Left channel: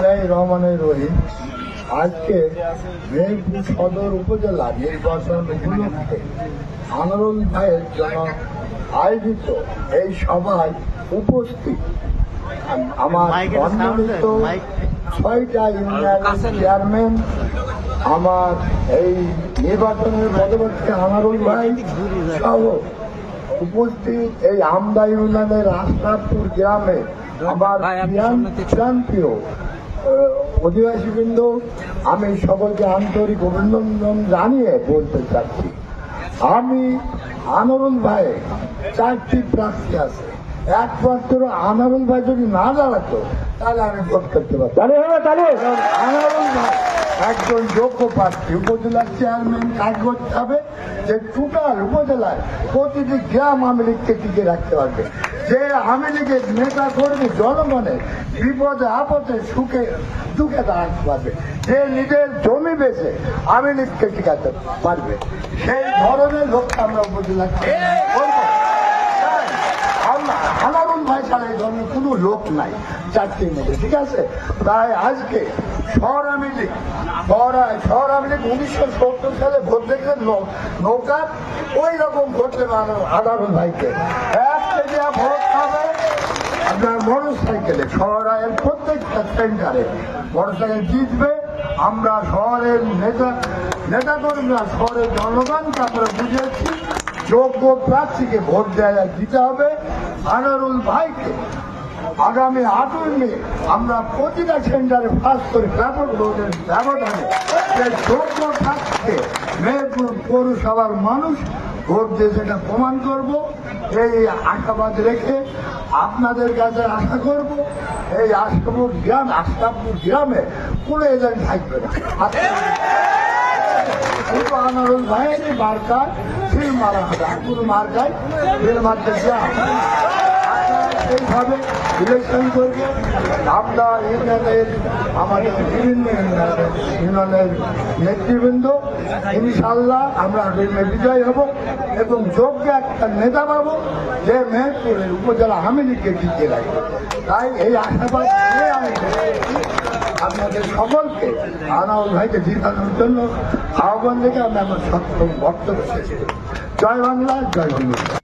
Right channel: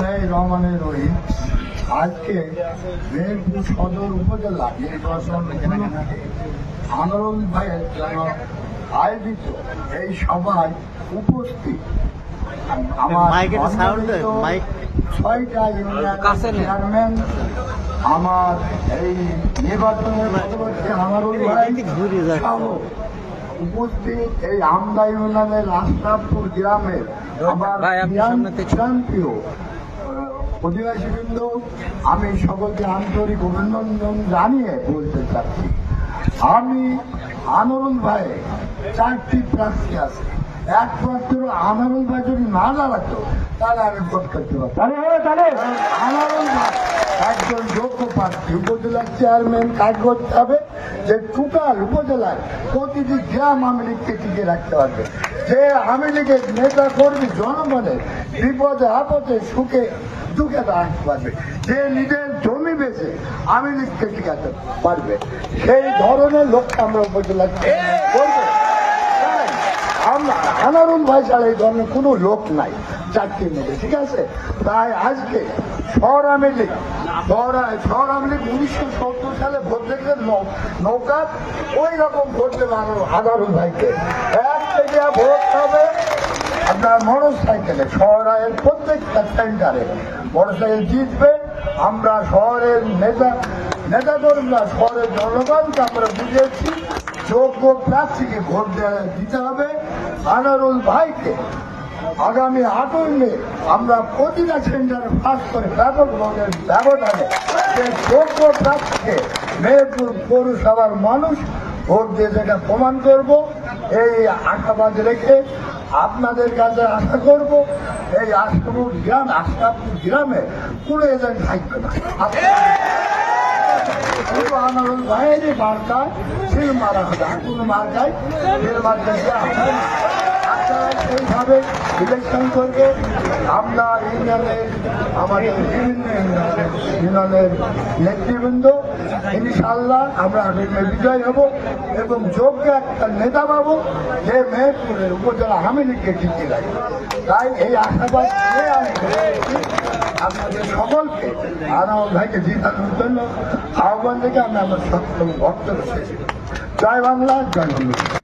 বিসমিল্লাহির রহমানির রহিম। আজকে মেহেরপুর সদর উপজেলা নির্বাচন উপলক্ষে আনোয়ারুল ভাইয়ের জন্য আয়োজিত এই সভায় উপস্থিত আমার সম্মানিত 6টা ইউনিয়নের চেয়ারম্যান, আমার এই নির্বাচনের পরবর্তী আনোয়ারুল ভাই সহ উপস্থিত এই আমদা ইউনিয়নের আশরাফপুর গ্রামের আমার প্রিয় অধিবাসীবৃন্দ, আমি সকলকে আন্তরিক অভিনন্দন জানিয়ে বলতে চাচ্ছি, আমি আনোয়ারুল ভাই 4টি প্রার্থী আছে। একমাত্র আনোয়ারুল ভাই যদি না দাঁড়াতো তাহলে আমি ভোট করতে পারতাম। আনোয়ারুল ভাই একজন যোগ্য প্রার্থী, উপজেলার চেয়ারম্যান কাজ করতে হবে যে টোটাল উপজেলায় প্রতিটি গ্রাম আওয়ামী লীগকে টিকে রাখতে হবে, যে আওয়ামী লীগের নেতা কর্মী জনগণের বিপদে আপদে সুখে দুঃখে দাঁড়াতে পারবে, যে নিজের জমি বেচে আওয়ামী লীগকে টিকাতে পারবে, সেই ধরনের লোক আমরা উপজেলার করব। আনোয়ারুল ভাই ছাড়া এই ধরনের কোনো লোক নাই 4টির মধ্যে, ঠিক আছে? তাই আজকে শহর আওয়ামী লীগ 1970 সালে ভোট দেখলেন নৌকা, ওই রকম ভোট দেবে আনোয়ারুল ভাইকে। এক থেকে ভোট হবে আপনার মোটর সাইকেলে, শহরের প্রত্যেকটা সেন্টারে মোটর সাইকেল জিতবে। আমরা শহরের নেতা কর্মীরা শহরের জনগণকে আমরা বুঝিয়েছি যোগ্য প্রার্থীকে ভোট দিতে হবে। আনোয়ারুল ভাইকে আগামী 8 নিয়ে আমরা প্রতিটা সেন্টারে ফাঁস করে ব্যাপক ভোটের ব্যবধানে যোগ্য প্রার্থীকে মেহেরপুর পৌরসভার মানুষ ভোট দিয়ে সেটা প্রমাণ করব। এই আশাবাদ রেখে আপনাদের কাছে আশা করব এই আশরাফপুর গ্রামে কোনো এজেন্ট থাকবে না। আনোয়ারুল ভাইয়ের মার্কা সেই মারা হবে, কোনো মার্কায় সেইভাবে ইলেকশন করবে। আমরা ইউনিয়নের আমাদের বিভিন্ন ইউনিয়নের নেতৃবৃন্দ ইনশাআল্লাহ আমরা বিজয় হব এবং যোগ্য একটা নেতা পাবো যে মেহেরপুরের উপজেলা আওয়ামী লীগকে টিকিয়ে রাখবে। তাই এই আশাবাদ করে আমি আপনাদের সকলকে আনোয়ারুল ভাইকে জিতানোর জন্য আহ্বান থেকে আমি আমার বক্তব্য শেষ। জয় বাংলা, জয় হিন্দ।